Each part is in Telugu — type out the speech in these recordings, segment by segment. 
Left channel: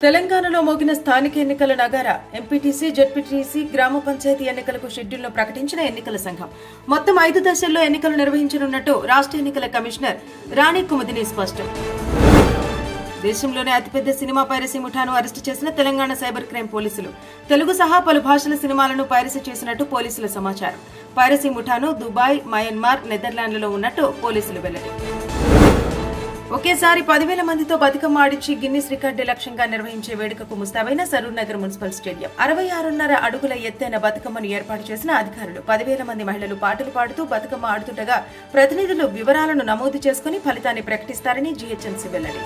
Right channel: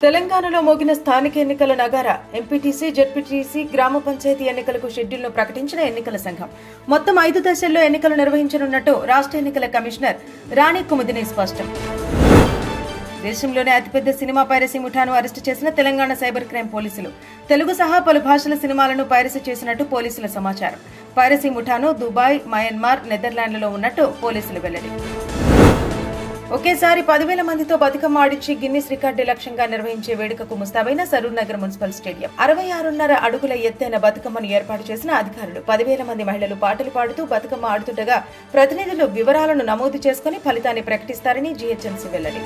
తెలంగాణలో మోగిన స్థానిక ఎన్నికల నగారా ఎంపీటీసీ, జెడ్పీటీసీ, గ్రామ పంచాయతీ ఎన్నికలకు షెడ్యూల్ను ప్రకటించిన ఎన్నికల సంఘం మొత్తం 5 దశల్లో ఎన్నికలు నిర్వహించనున్నట్టు రాష్ట్ర ఎన్నికల కమిషనర్ రాణి కుముదిని స్పష్టం. దేశంలోనే అతిపెద్ద సినిమా పైరసీ ముఠాను అరెస్టు చేసిన తెలంగాణ సైబర్ క్రైమ్ పోలీసులు తెలుగు సహా పలు భాషల సినిమాలను పైరసీ చేసినట్టు పోలీసుల సమాచారం. పైరసీ ముఠాను దుబాయ్, మయన్మార్, నెదర్లాండ్లలో ఉన్నట్టు పోలీసులు వెల్లడి. ఒకేసారి 10,000 మందితో బతుకమ్మ ఆడించి గిన్నిస్ రికార్డు లక్ష్యంగా నిర్వహించే వేడుకకు ముస్తాబైన సరూర్ నగర్ మున్సిపల్ స్టేడియం. 66.5 అడుగుల ఎత్తైన బతుకమ్మను ఏర్పాటు చేసిన అధికారులు 10,000 మంది మహిళలు పాటలు పాడుతూ బతుకమ్మ ఆడుతుండగా ప్రతినిధులు వివరాలను నమోదు చేసుకుని ఫలితాన్ని ప్రకటిస్తారని జీహెచ్ఎంసీ వెల్లడి.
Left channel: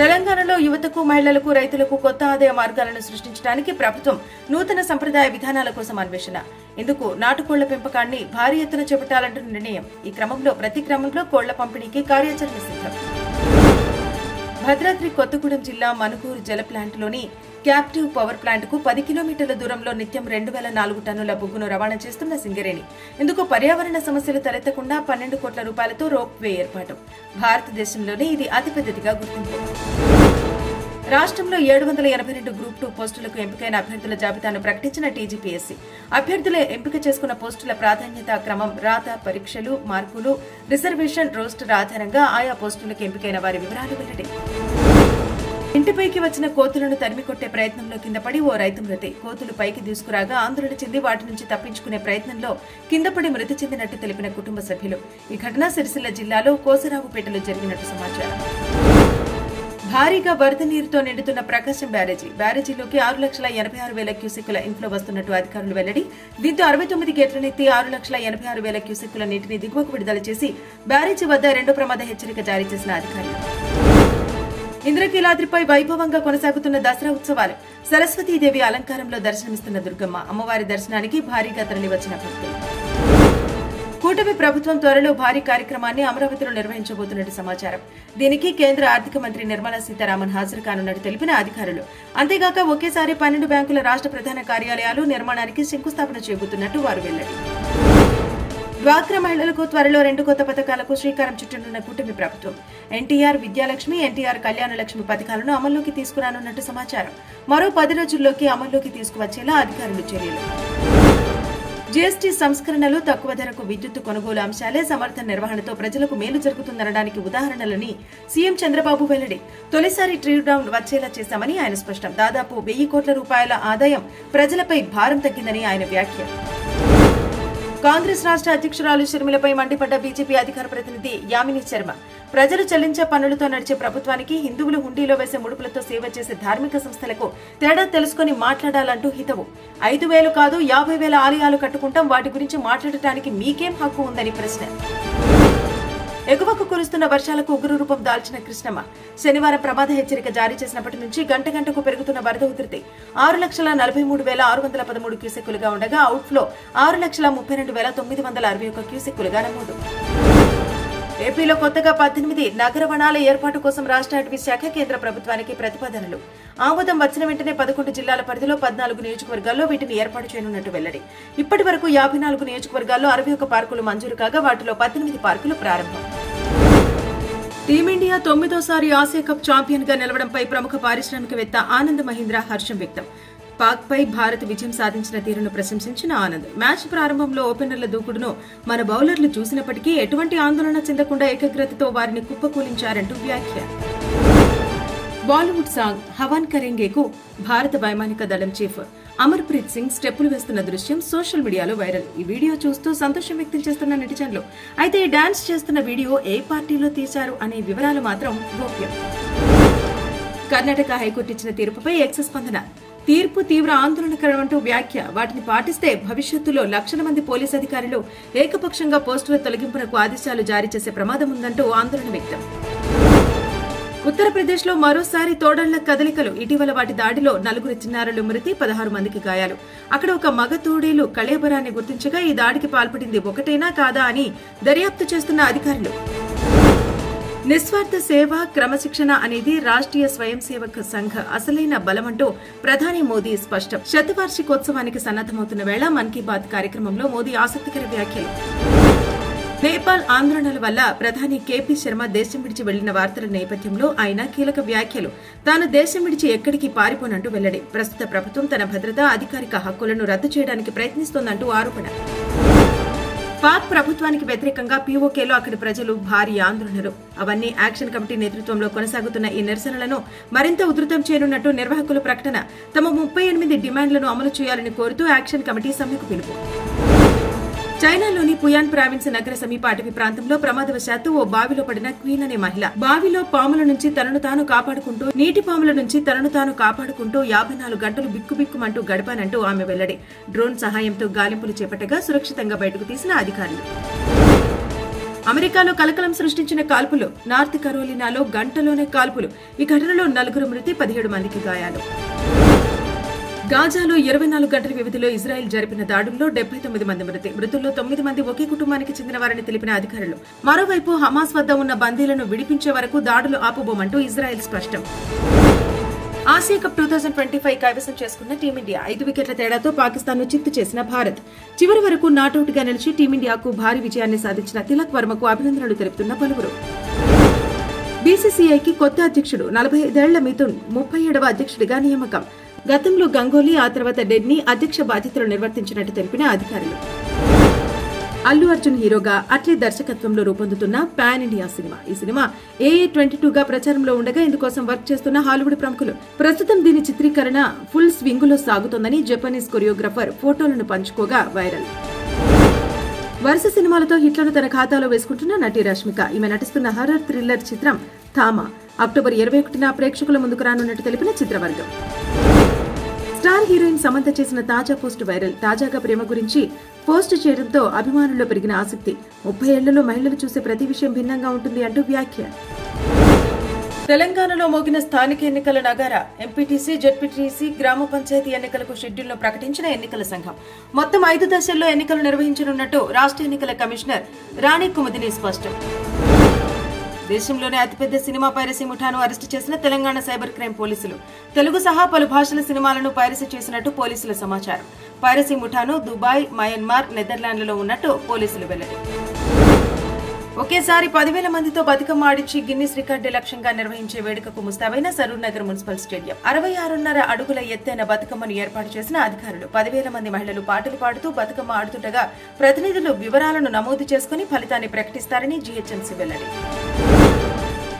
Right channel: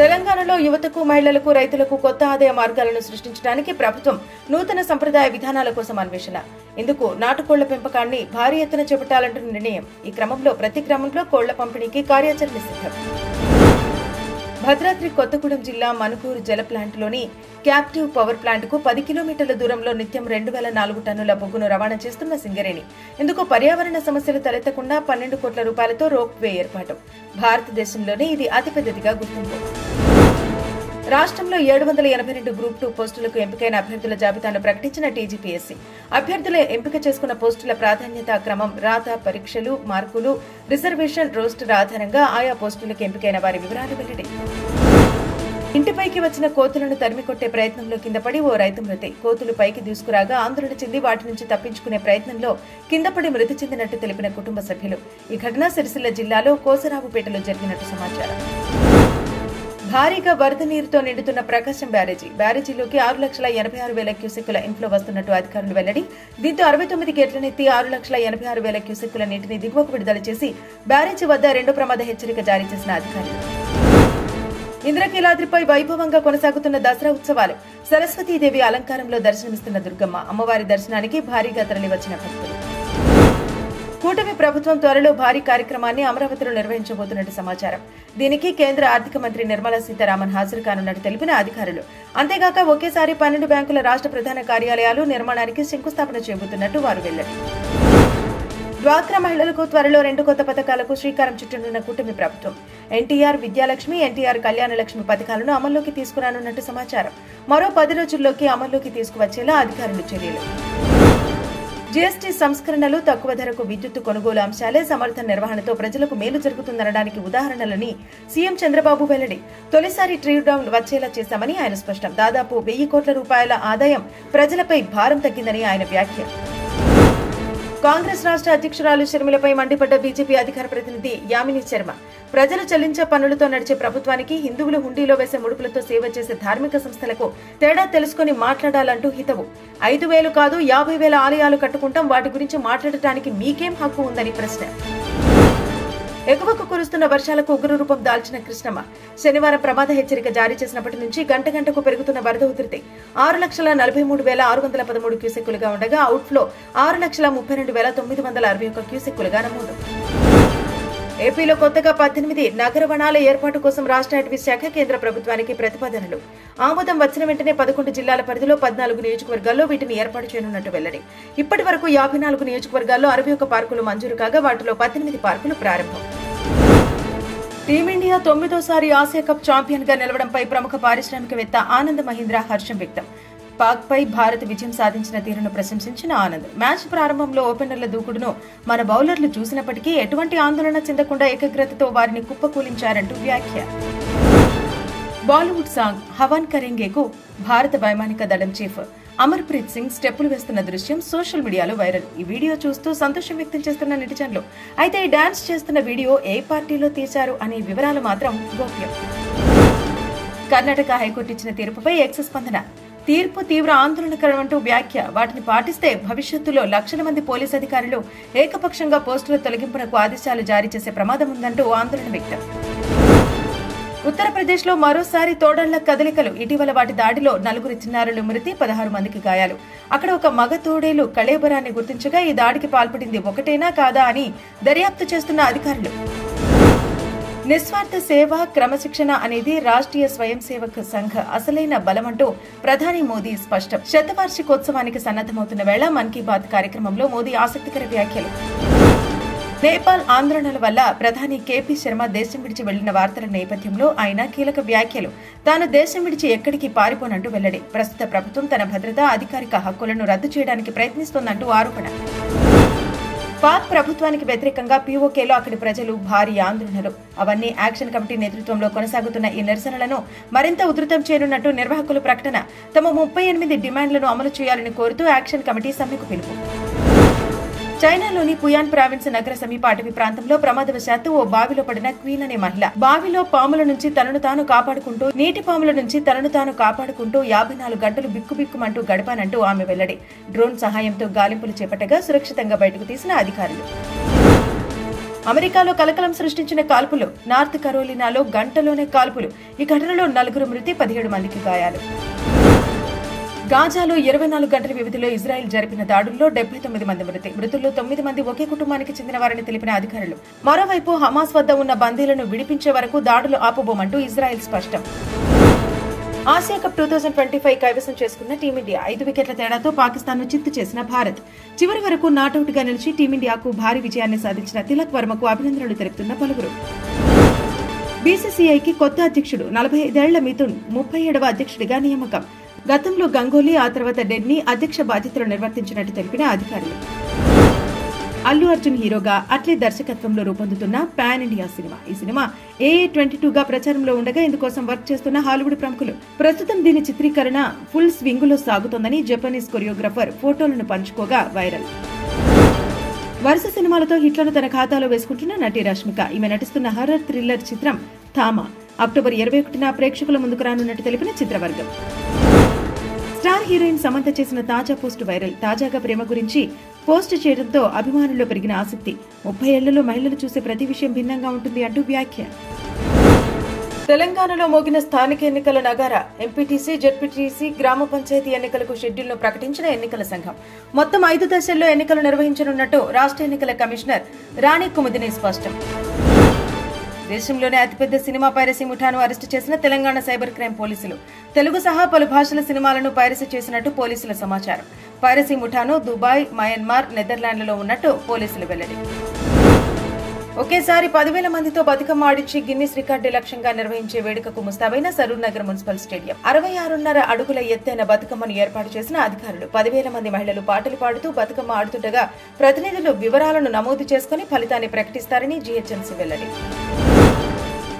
తెలంగాణలో యువతకు, మహిళలకు, రైతులకు కొత్త ఆదాయ మార్గాలను సృష్టించడానికి ప్రభుత్వం నూతన సంప్రదాయ విధానాల కోసం అన్వేషణ. ఇందుకు నాటుకోళ్ల పెంపకాన్ని భారీ ఎత్తున చేపట్టాలంటున్న నిర్ణయం. ఈ క్రమంలో ప్రతి గ్రామంలో కోళ్ల పంపిణీకి కార్యాచరణ సిద్ధం. భద్రాద్రి కొత్తగూడెం జిల్లా మనుగూరు జల ప్లాంట్లోని క్యాప్టివ్ పవర్ ప్లాంట్కు 10 కిలోమీటర్ల దూరంలో నిత్యం 2,004 టన్నుల బొగ్గును రవాణా చేస్తున్న సింగరేణి. ఇందుకు పర్యావరణ సమస్యలు తలెత్తకుండా 12 కోట్ల రూపాయలతో రోప్ వే ఏర్పాటు. భారతదేశంలోనే ఇది అతిపెద్దదిగా గుర్తింపు. రాష్ట్రంలో 782 గ్రూప్ 2 పోస్టులకు ఎంపికైన అభ్యర్థుల జాబితాను ప్రకటించిన టీజీపీఎస్సీ. అభ్యర్థులు ఎంపిక చేసుకున్న పోస్టుల ప్రాధాన్యత క్రమం, రాత, పరీక్షలు, మార్కులు, రిజర్వేషన్ రోస్టర్ ఆధారంగా ఆయా పోస్టులకు ఎంపికైన వారి వివరాలు వెల్లడి. ఇంటిపైకి వచ్చిన కోతులను తరిమికొట్టే ప్రయత్నంలో కిందపడి ఓ రైతు మృతి. కోతులు పైకి దూసుకురాగా ఆందోళన చెంది వాటి నుంచి తప్పించుకునే ప్రయత్నంలో కిందపడి మృతి చెందినట్టు తెలిపిన కుటుంబ సభ్యులు. ఈ ఘటన సిరిసిల్ల జిల్లాలో కోసరావుపేటలో జరిగినట్టు సమాచారం. భారీగా వరద నీరుతో నిండుతున్న ప్రకాశం బ్యారేజీలోకి 6,86,000 క్యూసెక్కుల ఇన్ఫ్లో వస్తున్నట్టు అధికారులు వెల్లడి. దీంతో 69 గేట్లనెత్తి 6,86,000 క్యూసెక్కుల నీటిని దిగువకు విడుదల చేసి బ్యారేజీ వద్ద 2 ప్రమాద హెచ్చరిక జారీ చేసిన అధికారులు. ఇంద్రకీలాద్రిపై వైభవంగా కొనసాగుతున్న దసరా ఉత్సవాలు. సరస్వతీదేవి అలంకారంలో దర్శనమిస్తున్న దుర్గమ్మ అమ్మవారి దర్శనానికి భారీగా తరలివచ్చిన భక్తులు. కూటమి ప్రభుత్వం త్వరలో భారీ కార్యక్రమాన్ని అమరావతిలో నిర్వహించబోతున్నట్టు సమాచారం. దీనికి కేంద్ర ఆర్థిక మంత్రి నిర్మలా సీతారామన్ హాజరు కానున్నట్టు తెలిపిన అధికారులు. అంతేగాక ఒకేసారి 12 బ్యాంకుల రాష్ట్ర ప్రధాన కార్యాలయాలు నిర్మాణానికి శంకుస్థాపన చేయబోతున్నట్టు వారు వెల్లడి. డ్వాక్రా మహిళలకు త్వరలో 2 కొత్త పథకాలకు శ్రీకారం చుట్టనున్న కూటమి ప్రభుత్వం. ఎన్టీఆర్ విద్యాలక్ష్మి, ఎన్టీఆర్ కళ్యాణలక్ష్మి పథకాలను అమల్లోకి తీసుకురానున్నట్టు సమాచారం. మరో 10 రోజుల్లోకి అమల్లోకి తీసుకువచ్చేలా అధికారులు చర్యలు. జీఎస్టీ సంస్కరణలు, తక్కువ ధరకు విద్యుత్ కొనుగోలు అంశాలే సమర్థ నిర్వహణతో ప్రజలకు మేలు జరుగుతుందనడానికి ఉదాహరణలని సీఎం చంద్రబాబు వెల్లడి. తొలిసారి ట్రీ డౌన్ వచ్చేలా చేశామని ఆయన స్పష్టం. దాదాపు 1,000 కోట్ల రూపాయల ఆదాయం ప్రజలపై భారం తగ్గిందని ఆయన వ్యాఖ్య. కాంగ్రెస్ రాష్ట్ర అధ్యక్షురాలు షర్మిలపై మండిపడ్డ బీజేపీ అధికార ప్రతినిధి యామిని శర్మ. ప్రజలు చెల్లించే పన్నులతో నడిచే ప్రభుత్వానికి హిందువులు హుండీలో వేసే ముడుపులతో సేవ చేసే ధార్మిక సంస్థలకు తేడా తెలుసుకుని మాట్లాడాలంటూ హితవు. 5,000 కాదు 50,000 ఆలయాలు కట్టుకుంటాం, వాటి గురించి మాట్లాడటానికి మీకేం హక్కు ఉందని ప్రశ్న. ఎగువకు కురుస్తున్న వర్షాలకు ఉగ్రరూపం దాల్చిన కృష్ణమ్మ. శనివారం ప్రమాద హెచ్చరిక జారీ చేసినప్పటి నుంచి గంటకు పెరుగుతున్న వరద ఉధృతి 6,43,613 క్యూసెక్కులుగా ఉండగా అవుట్ఫ్లో 6,32,961 క్యూసెక్కులుగా నమోదు. ఏపీలో కొత్తగా 18 నగర వనాల ఏర్పాటు కోసం రాష్ట్ర అటవీ శాఖ కేంద్ర ప్రభుత్వానికి ప్రతిపాదనలు. ఆమోదం వచ్చిన వెంటనే 11 జిల్లాల పరిధిలో 14 నియోజకవర్గాల్లో వీటిని ఏర్పాటు చేయనున్నట్టు వెల్లడి. ఇప్పటి వరకు 54 నియోజకవర్గాల్లో 61 పార్కులు మంజూరు కాగా వాటిలో 18 పార్కులు ప్రారంభం. టీమిండియా 9వ ఆసియా కప్ ఛాంపియన్ గా నిలవడంపై ప్రముఖ పారిశ్రామికవేత్త ఆనంద్ మహీంద్రా హర్షం వ్యక్తం. పాక్ పై భారత్ విజయం సాధించిన తీరును ప్రశంసించిన ఆనంద్, మ్యాచ్ ప్రారంభంలో ఓపెనర్ల దూకుడును మన బౌలర్లు చూసినప్పటికీ ఎటువంటి ఆందోళన చెందకుండా ఏకాగ్రతతో వారిని కుప్పకూలించారంటూ వ్యాఖ్య. బాలీవుడ్ సాంగ్ హవాన్ కరేంగేకు భారత వైమానిక దళం చీఫ్ అమర్ప్రీత్ సింగ్ స్టెప్పులు వేస్తున్న దృశ్యం సోషల్ మీడియాలో వైరల్. ఈ వీడియో చూస్తూ సంతోషం వ్యక్తం చేస్తున్న నెటిజన్లు. అయితే ఈ డాన్స్ చేస్తున్న వీడియో ఏ పార్టీలో తీశారు అనే వివరాలు మాత్రం గోప్యం. కర్ణాటక హైకోర్టు ఇచ్చిన తీర్పుపై ఎక్స్ స్పందన. తీర్పు తీవ్ర ఆందోళనకరమంటూ వ్యాఖ్య. వాటిని పాటిస్తే భవిష్యత్తులో లక్షల మంది పోలీసు అధికారులు ఏకపక్షంగా పోస్టుల తొలగింపునకు ఆదేశాలు జారీ చేసే ప్రమాదం ఉందంటూ ఆందోళన వ్యక్తం. ఉత్తరప్రదేశ్లో మరోసారి తోడళ్ల కదలికలు. ఇటీవల వాటి దాడిలో 4 చిన్నారులు మృతి, 16 మందికి గాయాలు. అక్కడ ఒక మగ తోడేలు కళేబరాన్ని గుర్తించగా ఈ దాడికి పాల్పడింది ఒకటేనా కాదా అని దర్యాప్తు చేస్తున్న అధికారులు. నిస్వార్థ సేవ, క్రమశిక్షణ అనేది రాష్ట్రీయ స్వయం సేవక్ సంఘ్ అసలైన బలమంటూ ప్రధాని మోదీ స్పష్టం. శతవార్షికోత్సవానికి సన్నద్దమవుతున్న వేళ మన్ కీ బాత్ కార్యక్రమంలో మోదీ ఆసక్తికర వ్యాఖ్యలు. నేపాల్ ఆందోళనల వల్ల ప్రధాని కేపీ శర్మ దేశం విడిచి వెళ్లిన వార్తల నేపథ్యంలో ఆయన కీలక వ్యాఖ్యలు. తాను దేశం విడిచి ఎక్కడికి పారిపోనంటూ వెల్లడి. ప్రస్తుత ప్రభుత్వం తన భద్రతా అధికారిక హక్కులను రద్దు చేయడానికి ప్రయత్నిస్తోందంటూ ఆరోపణ. పాక్ ప్రభుత్వానికి వ్యతిరేకంగా పీఓకేలో అక్కడి ప్రజలు భారీ ఆందోళనలు. అవన్నీ యాక్షన్ కమిటీ నేతృత్వంలో కొనసాగుతున్న ఈ నిరసనలను మరింత ఉధృతం చేయనున్నట్టు నిర్వాహకుల ప్రకటన. తమ 38 డిమాండ్లను అమలు చేయాలని కోరుతూ యాక్షన్ కమిటీ సమ్మెకు పిలుపు. చైనాలోని పుయాన్ ప్రావిన్స్ నగర సమీప అటవీ ప్రాంతంలో ప్రమాదవశాత్తు ఓ బావిలో పడిన క్వీన్ అనే మహిళ. బావిలో పాముల నుంచి తనను తాను కాపాడుకుంటూ, నీటి పాముల నుంచి తనను తాను కాపాడుకుంటూ 54 గంటలు బిక్కుబిక్కుమంటూ గడపానంటూ ఆమె వెల్లడి. డ్రోన్ సహాయంతో గాలింపులు చేపట్టగా సురక్షితంగా బయటకు తీసిన అధికారులు. అమెరికాలో కలకలం సృష్టించిన కాల్పులు. నార్త్ కరోలినాలో గంటలోనే కాల్పులు. ఈ ఘటనలో 4 మృతి, 17 మందికి గాయాలు. గాజాలో 24 గంటల వ్యవధిలో ఇజ్రాయెల్ జరిపిన దాడుల్లో 79 మంది మృతి. మృతుల్లో 9 మంది ఒకే కుటుంబానికి చెందినవారని తెలిపిన అధికారులు. మరోవైపు హమాస్ వద్ద ఉన్న బందీలను విడిపించే వరకు దాడులు ఆపబోమంటూ ఇజ్రాయెల్ స్పష్టం. ఆసియా కప్ 2025 కైవసం చేసుకున్న టీమిండియా 5 వికెట్ల తేడాతో పాకిస్తాన్ను చిత్తు చేసిన భారత్. చివరి వరకు నాటౌట్ గా నిలిచి టీమిండియాకు భారీ విజయాన్ని సాధించిన తిలక్ వర్మకు అభినందనలు తెలుపుతున్న పలువురు. బీసీసీఐకి కొత్త అధ్యక్షుడు. 45 ఏళ్ల మిథున్ 37వ అధ్యక్షుడిగా నియామకం. గతంలో గంగోలీ, ఆ తర్వాత డెడ్నీ అధ్యక్ష బాధ్యతలు నిర్వర్తించినట్టు తెలిపిన అధికారులు. అల్లు అర్జున్ హీరోగా అట్లీ దర్శకత్వంలో రూపొందుతున్న పాన్ ఇండియా సినిమా. ఈ సినిమా AA22గా ప్రచారంలో ఉండగా ఇందుకోసం వర్క్ చేస్తున్న హాలీవుడ్ ప్రముఖులు. ప్రస్తుతం దీని చిత్రీకరణ ఫుల్ స్వింగులో సాగుతోందని జపనీస్ కొరియోగ్రాఫర్ ఫోటోలను పంచుకోగా వైరల్. వరుస సినిమాలతో హిట్లను తన ఖాతాలో వేసుకుంటున్న నటి రష్మిక. ఈమె నటిస్తున్న హర్రర్ థ్రిల్లర్ చిత్రం థామా అక్టోబర్ 21న ప్రేక్షకుల ముందుకు రానున్నట్టు తెలిపిన చిత్రవర్గం. స్టార్ హీరోయిన్ సమంత చేసిన తాజా పోస్ట్ వైరల్. తాజాగా ప్రేమ గురించి పోస్ట్ చేయడంతో అభిమానుల్లో పెరిగిన ఆసక్తి. 30 ఏళ్లలో మహిళలు చూసే ప్రతి విషయం భిన్నంగా ఉంటుంది అంటూ వ్యాఖ్య. తెలంగాణలో మోగిన స్థానిక ఎన్నికల నగారా. ఎంపీటీసీ, జెడ్పీటీసీ, గ్రామ పంచాయతీ ఎన్నికలకు షెడ్యూల్ను ప్రకటించిన ఎన్నికల సంఘం. మొత్తం 5 దశల్లో ఎన్నికలు నిర్వహించనున్నట్టు రాష్ట్ర ఎన్నికల కమిషనర్ రాణి కుముదిని స్పష్టం. దేశంలోనే అతిపెద్ద సినిమా పైరసీ ముఠాను అరెస్టు చేసిన తెలంగాణ సైబర్ క్రైమ్ పోలీసులు. తెలుగు సహా పలు భాషల సినిమాలను పైరసీ చేసినట్టు పోలీసుల సమాచారం. పైరసీ ముఠాను దుబాయ్, మయన్మార్, నెదర్లాండ్లలో ఉన్నట్టు పోలీసులు వెల్లడి. ఒకేసారి 10,000 మందితో బతుకమ్మ ఆడిచ్చి గిన్నిస్ రికార్డు లక్ష్యంగా నిర్వహించే వేడుకకు ముస్తాబైన సరూర్ నగర్ మున్సిపల్ స్టేడియం. 66.5 అడుగుల ఎత్తైన బతుకమ్మను ఏర్పాటు చేసిన అధికారులు. 10,000 మంది మహిళలు పాటలు పాడుతూ బతుకమ్మ ఆడుతుండగా ప్రతినిధులు వివరాలను నమోదు చేసుకుని ఫలితాన్ని ప్రకటిస్తారని జీహెచ్ఎంసీ వెల్లడి.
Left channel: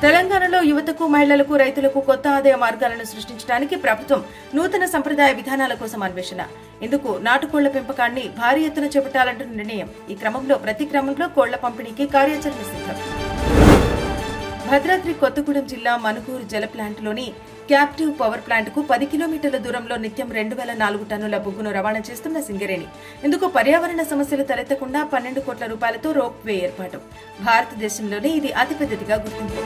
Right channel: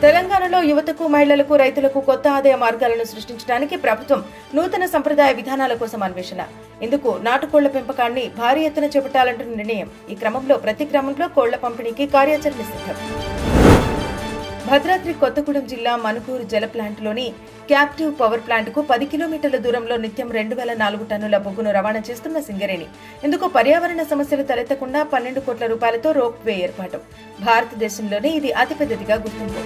తెలంగాణలో యువతకు, మహిళలకు, రైతులకు కొత్త ఆదాయ మార్గాలను సృష్టించడానికి ప్రభుత్వం నూతన సంప్రదాయ విధానాల కోసం అన్వేషణ. ఇందుకు నాటుకోళ్ల పెంపకాన్ని భారీ ఎత్తున చేపట్టాలంటున్న నిర్ణయం. ఈ క్రమంలో ప్రతి గ్రామంలో కోళ్ల పంపిణీకి కార్యాచరణ సిద్ధం. భద్రాద్రి కొత్తగూడెం జిల్లా మనుకూరు జల ప్లాంట్లోని క్యాప్టివ్ పవర్ ప్లాంట్కు 10 కిలోమీటర్ల దూరంలో నిత్యం 2,004 టన్నుల బొగ్గును రవాణా చేస్తున్న సింగరేణి. ఇందుకు పర్యావరణ సమస్యలు తలెత్తకుండా 12 కోట్ల రూపాయలతో రోప్ వే ఏర్పాటు. భారతదేశంలోనే ఇది అతిపెద్దదిగా గుర్తింపు.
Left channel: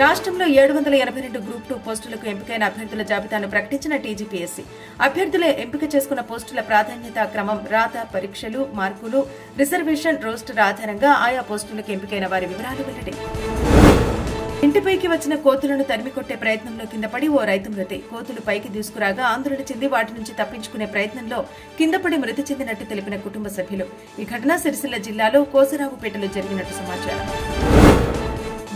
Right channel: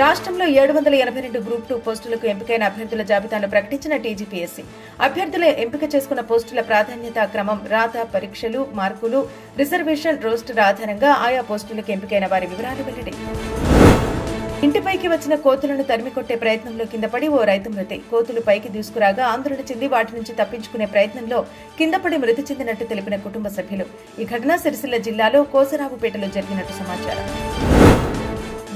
రాష్ట్రంలో 782 గ్రూప్ 2 పోస్టులకు ఎంపికైన అభ్యర్థుల జాబితాను ప్రకటించిన టీజీపీఎస్సీ. అభ్యర్థుల ఎంపిక చేసుకున్న పోస్టుల ప్రాధాన్యత క్రమం, రాత, పరీక్షలు, మార్కులు, రిజర్వేషన్ రోస్టర్ ఆధారంగా ఆయా పోస్టులకు ఎంపికైన వారి వివరాలు వెల్లడి. ఇంటిపైకి వచ్చిన కోతులను తరిమికొట్టే ప్రయత్నంలో కిందపడి ఓ రైతు మృతి. కోతులు పైకి దూసుకురాగా ఆందోళన చెంది వాటి నుంచి తప్పించుకునే ప్రయత్నంలో కిందపడి మృతి చెందినట్టు తెలిపిన కుటుంబ సభ్యులు. ఈ ఘటన సిరిసిల్ల జిల్లాలో కోసరావుపేటలో జరిగినట్టు సమాచారం.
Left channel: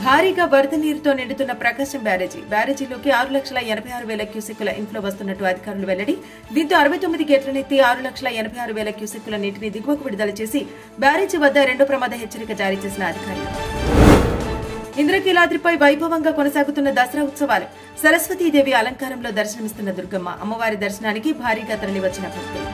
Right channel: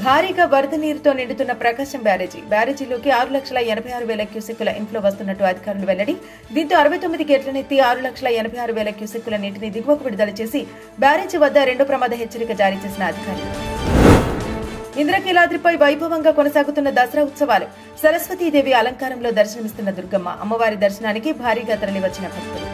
భారీగా వరద నీరుతో నిండుతున్న ప్రకాశం బ్యారేజీలోకి 6,86,000 క్యూసెక్కుల ఇన్ఫ్లో వస్తున్నట్టు అధికారులు వెల్లడి. దీంతో 69 గేట్లనెత్తి 6,86,000 క్యూసెక్కుల నీటిని దిగువకు విడుదల చేసి బ్యారేజీ వద్ద 2 ప్రమాద హెచ్చరిక జారీ చేసిన అధికారులు. ఇంద్రకీలాద్రిపై వైభవంగా కొనసాగుతున్న దసరా ఉత్సవాలు. సరస్వతీదేవి అలంకారంలో దర్శనమిస్తున్న దుర్గమ్మ. అమ్మవారి దర్శనానికి భారీగా తరలివచ్చిన భక్తులు.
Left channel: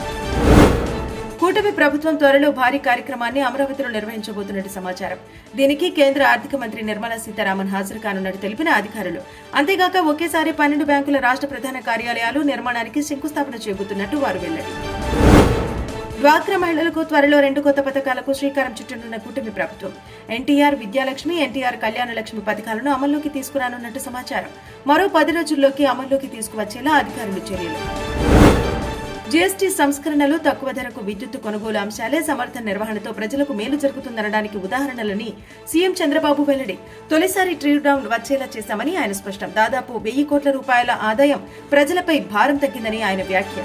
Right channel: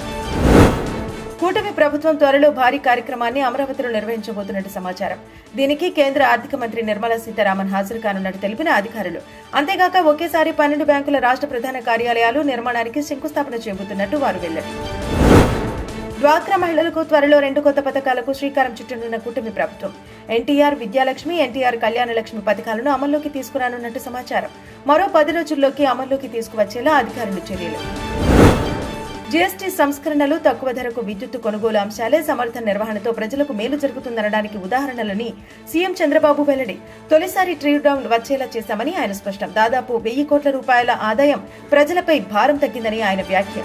కూటమి ప్రభుత్వం త్వరలో భారీ కార్యక్రమాన్ని అమరావతిలో నిర్వహించబోతున్నట్టు సమాచారం. దీనికి కేంద్ర ఆర్థిక మంత్రి నిర్మలా సీతారామన్ హాజరు కానున్నట్టు తెలిపిన అధికారులు. అంతేగాక ఒకేసారి 12 బ్యాంకుల రాష్ట్ర ప్రధాన కార్యాలయాలు నిర్మాణానికి శంకుస్థాపన చేయబోతున్నట్టు వారు వెల్లడి. డ్వాక్రా మహిళలకు త్వరలో 2 కొత్త పథకాలకు శ్రీకారం చుట్టనున్న కూటమి ప్రభుత్వం. ఎన్టీఆర్ విద్యాలక్ష్మి, ఎన్టీఆర్ కళ్యాణలక్ష్మి పథకాలను అమల్లోకి తీసుకురానున్నట్టు సమాచారం. మరో 10 రోజుల్లోకి అమల్లోకి తీసుకువచ్చేలా అధికారులు చర్యలు. జీఎస్టీ సంస్కరణలు, తక్కువ ధరకు విద్యుత్తు కొనుగోలు అంశాలే సమర్థ నిర్వహణతో ప్రజలకు మేలు జరుగుతుందనడానికి ఉదాహరణలని సీఎం చంద్రబాబు వెల్లడి. తొలిసారి ట్రీ డౌన్ వచ్చేలా చేశామని ఆయన స్పష్టం. దాదాపు 1,000 కోట్ల రూపాయల ఆదాయం ప్రజలపై భారం తగ్గిందని ఆయన వ్యాఖ్య.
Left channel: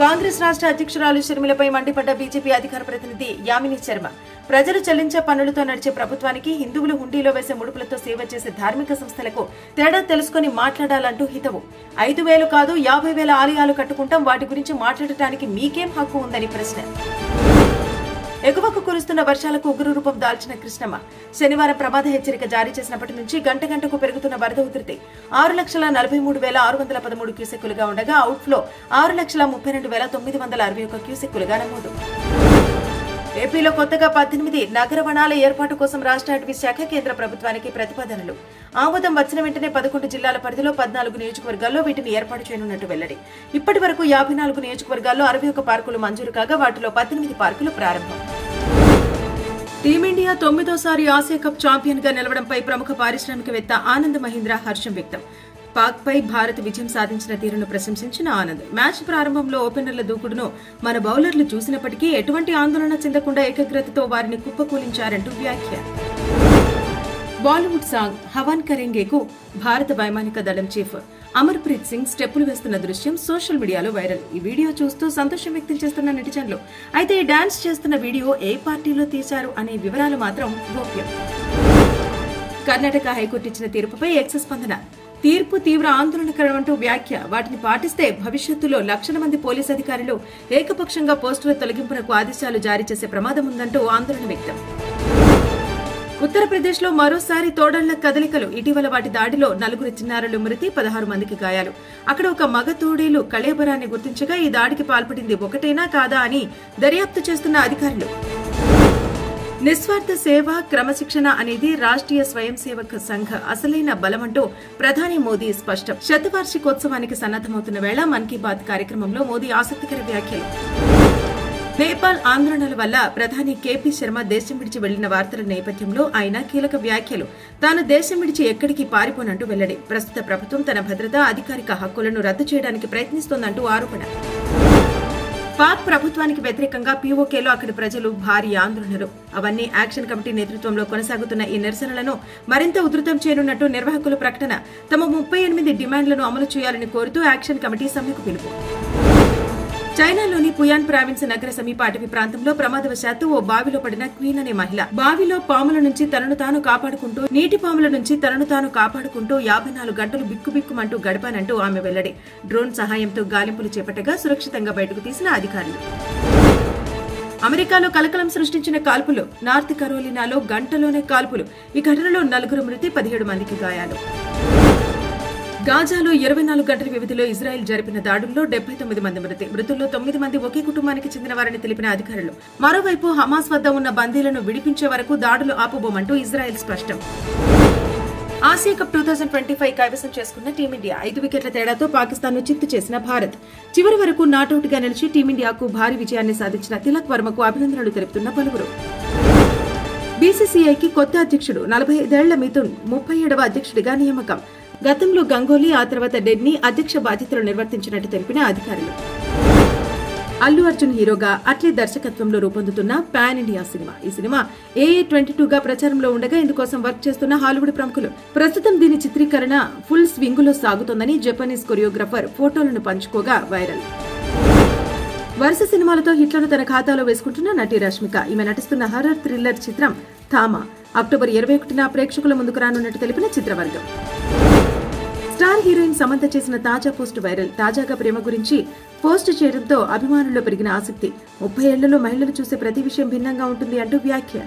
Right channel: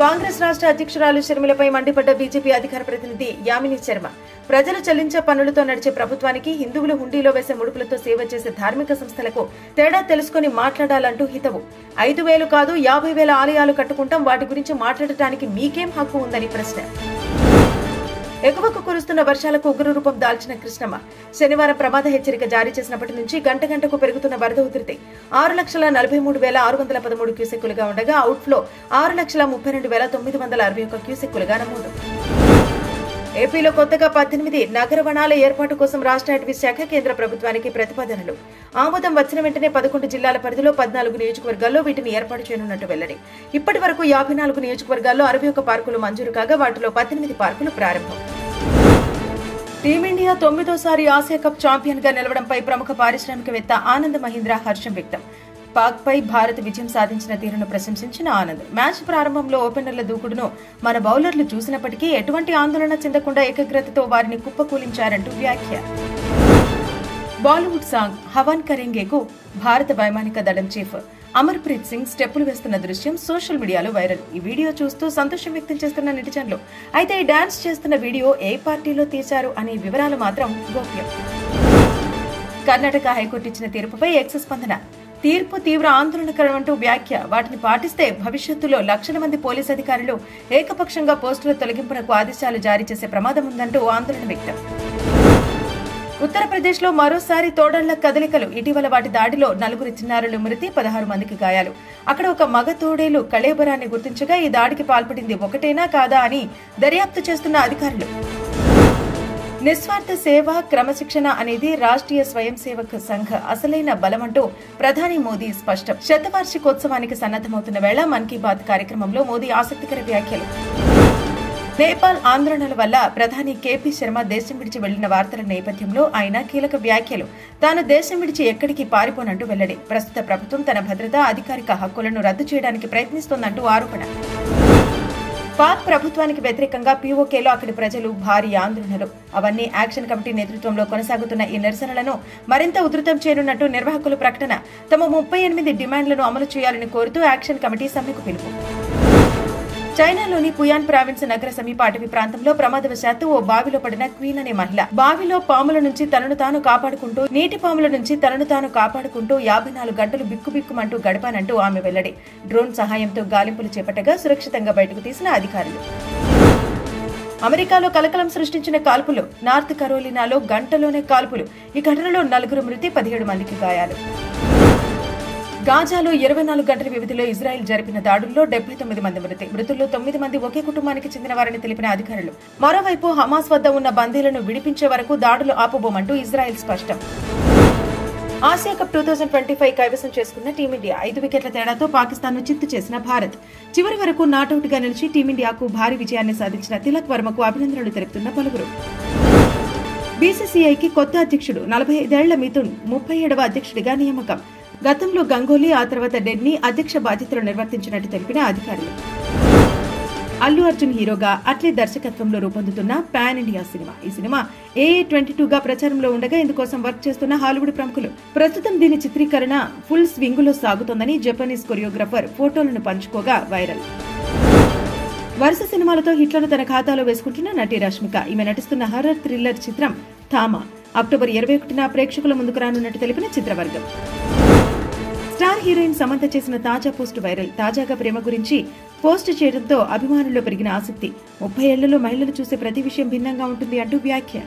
కాంగ్రెస్ రాష్ట్ర అధ్యక్షురాలు షర్మిలపై మండిపడ్డ బీజేపీ అధికార ప్రతినిధి యామిని శర్మ ప్రజలు చెల్లించే పన్నులతో నడిచే ప్రభుత్వానికి హిందువులు హుండీలో వేసే ముడుపులతో సేవ చేసే ధార్మిక సంస్థలకు తేడా తెలుసుకుని మాట్లాడాలంటూ హితవు. 5,000 కాదు 50,000 ఆలయాలు కట్టుకుంటాం, వాటి గురించి మాట్లాడటానికి మీకేం హక్కు ఉందని ప్రశ్న. ఎగువకు కురుస్తున్న వర్షాలకు ఉగ్రరూపం దాల్చిన కృష్ణమ్మ శనివారం ప్రమాద హెచ్చరిక జారీ చేసినప్పటి నుంచి గంట గంటకు పెరుగుతున్న వరద ఉధృతి 6,43,613 క్యూసెక్కులుగా ఉండగా అవుట్ఫ్లో 6,32,961 క్యూసెక్కులుగా నమోదు. ఏపీలో కొత్తగా 18 నగర వనాల ఏర్పాటు కోసం రాష్ట్ర అటవీ శాఖ కేంద్ర ప్రభుత్వానికి ప్రతిపాదనలు ఆమోదం వచ్చిన వెంటనే 11 జిల్లాల పరిధిలో 14 నియోజకవర్గాల్లో వీటిని ఏర్పాటు చేయనున్నట్టు వెల్లడి. ఇప్పటి వరకు 54 నియోజకవర్గాల్లో 61 పార్కులు మంజూరు కాగా వాటిలో 18 పార్కులు ప్రారంభం. టీమిండియా 9వ ఆసియా కప్ ఛాంపియన్ గా నిలవడంపై ప్రముఖ పారిశ్రామికవేత్త ఆనంద్ మహీంద్రా హర్షం వ్యక్తం. పాక్ పై భారత్ విజయం సాధించిన తీరును ప్రశంసించిన ఆనంద్ మ్యాచ్ ప్రారంభంలో ఓపెనర్ల దూకుడును మన బౌలర్లు చూసినప్పటికీ ఎటువంటి ఆందోళన చెందకుండా ఏకాగ్రతతో వారిని కుప్పకూలించారంటూ వ్యాఖ్య. బాలీవుడ్ సాంగ్ హవాన్ కరేంగేకు భారత వైమానిక దళం చీఫ్ అమర్ప్రీత్ సింగ్ స్టెప్పులు వేస్తున్న దృశ్యం సోషల్ మీడియాలో వైరల్. ఈ వీడియో చూస్తూ సంతోషం వ్యక్తం చేస్తున్న నెటిజన్లు. అయితే ఈ డాన్స్ చేస్తున్న వీడియో ఏ పార్టీలో తీశారు అనే వివరాలు మాత్రం గోప్యం. కర్ణాటక హైకోర్టు ఇచ్చిన తీర్పుపై ఎక్స్ స్పందన. తీర్పు తీవ్ర ఆందోళనకరమంటూ వ్యాఖ్య. వాటిని పాటిస్తే భవిష్యత్తులో లక్షల మంది పోలీసు అధికారులు ఏకపక్షంగా పోస్టుల తొలగింపునకు ఆదేశాలు జారీ చేసే ప్రమాదం ఉందంటూ ఆందోళన వ్యక్తం. ఉత్తరప్రదేశ్ లో మరోసారి తోడళ్ల కదలికలు. ఇటీవల వాటి దాడిలో 4 చిన్నారులు మృతి, 16 మందికి గాయాలు. అక్కడ ఒక మగ తోడేలు కళేబరాన్ని గుర్తించగా ఈ దాడికి పాల్పడింది ఒకటేనా కాదా అని దర్యాప్తు చేస్తున్న అధికారులు. నిస్వార్థ సేవ, క్రమశిక్షణ అనేది రాష్ట్రీయ స్వయం సేవక్ సంఘ్ అసలైన బలమంటూ ప్రధాని మోదీ స్పష్టం. శతవార్షికోత్సవానికి సన్నద్దమవుతున్న వేళ మన్ కీ బాత్ కార్యక్రమంలో మోదీ ఆసక్తికర వ్యాఖ్యలు. నేపాల్ ఆందోళనల వల్ల ప్రధాని కేపీ శర్మ దేశం విడిచి వెళ్లిన వార్తల నేపథ్యంలో ఆయన కీలక వ్యాఖ్యలు. తాను దేశం విడిచి ఎక్కడికి పారిపోనంటూ వెల్లడి. ప్రస్తుత ప్రభుత్వం తన భద్రతా, అధికారిక హక్కులను రద్దు చేయడానికి ప్రయత్నిస్తోందంటూ ఆరోపణ. పాక్ ప్రభుత్వానికి వ్యతిరేకంగా పీఓకేలో అక్కడి ప్రజలు భారీ ఆందోళనలు. అవన్నీ యాక్షన్ కమిటీ నేతృత్వంలో కొనసాగుతున్న ఈ నిరసనలను మరింత ఉధృతం చేయనున్నట్టు నిర్వాహకుల ప్రకటన. తమ 38 డిమాండ్లను అమలు చేయాలని కోరుతూ యాక్షన్ కమిటీ సమ్మెకు పిలుపు. చైనాలోని పుయాన్ ప్రావిన్స్ నగర సమీప అటవీ ప్రాంతంలో ప్రమాదవశాత్తు ఓ బావిలో పడిన క్వీన్ అనే మహిళ. బావిలో పాముల నుంచి తనను తాను కాపాడుకుంటూ, నీటి పాముల నుంచి తనను తాను కాపాడుకుంటూ 54 గంటలు బిక్కుబిక్కుమంటూ గడపానంటూ ఆమె వెల్లడి. డ్రోన్ సహాయంతో గాలింపులు చేపట్టగా సురక్షితంగా బయటకు తీసిన అధికారులు. అమెరికాలో కలకలం సృష్టించిన కాల్పులు. నార్త్ కరోలినాలో గంటలోనే కాల్పులు. ఈ ఘటనలో 4 మృతి, 17 మందికి గాయాలు. గాజాలో 24 గంటల వ్యవధిలో ఇజ్రాయెల్ జరిపిన దాడుల్లో 79 మంది మృతి. మృతుల్లో 9 మంది ఒకే కుటుంబానికి చెందినవారని తెలిపిన అధికారులు. మరోవైపు హమాస్ వద్ద ఉన్న బందీలను విడిపించే వరకు దాడులు ఆపబోమంటూ ఇజ్రాయెల్ స్పష్టం. ఆసియా కప్ 2025 కైవసం చేసుకున్న టీమిండియా 5 వికెట్ల తేడాతో పాకిస్తాన్ను చిత్తు చేసిన భారత్ చివరి వరకు నాటౌట్ గా నిలిచి టీమిండియాకు భారీ విజయాన్ని సాధించిన తిలక్ వర్మకు అభినందనలు తెలుపుతున్న పలువురు. బీసీసీఐకి కొత్త అధ్యక్షుడు 45 ఏళ్ల మిథున్ 37వ అధ్యక్షుడిగా నియామకం. గతంలో గంగోలీ, ఆ తర్వాత డెడ్నీ అధ్యక్ష బాధ్యతలు నిర్వర్తించినట్టు తెలిపిన అధికారులు. అల్లు అర్జున్ హీరోగా అట్లే దర్శకత్వంలో రూపొందుతున్న పాన్ ఇండియా సినిమా. ఈ సినిమా AA22 గా ప్రచారంలో ఉండగా ఇందుకోసం వర్క్ చేస్తున్న హాలీవుడ్ ప్రముఖులు. ప్రస్తుతం దీని చిత్రీకరణ ఫుల్ స్వింగులో సాగుతోందని జపనీస్ కొరియోగ్రాఫర్ ఫోటోలను పంచుకోగా వైరల్. వరుస సినిమాలతో హిట్లను తన ఖాతాలో వేసుకుంటున్న నటి రష్మిక. ఈమె నటిస్తున్న హర్రర్ థ్రిల్లర్ చిత్రం థామా అక్టోబర్ 21న ప్రేక్షకుల ముందుకు రానున్నట్టు తెలిపిన చిత్రవర్గం. స్టార్ హీరోయిన్ సమంత చేసిన తాజా పోస్ట్ వైరల్. తాజాగా ప్రేమ గురించి పోస్ట్ చేయడంతో అభిమానుల్లో పెరిగిన ఆసక్తి. 30 ఏళ్లలో మహిళలు చూసే ప్రతి విషయం భిన్నంగా ఉంటుంది అంటూ వ్యాఖ్య.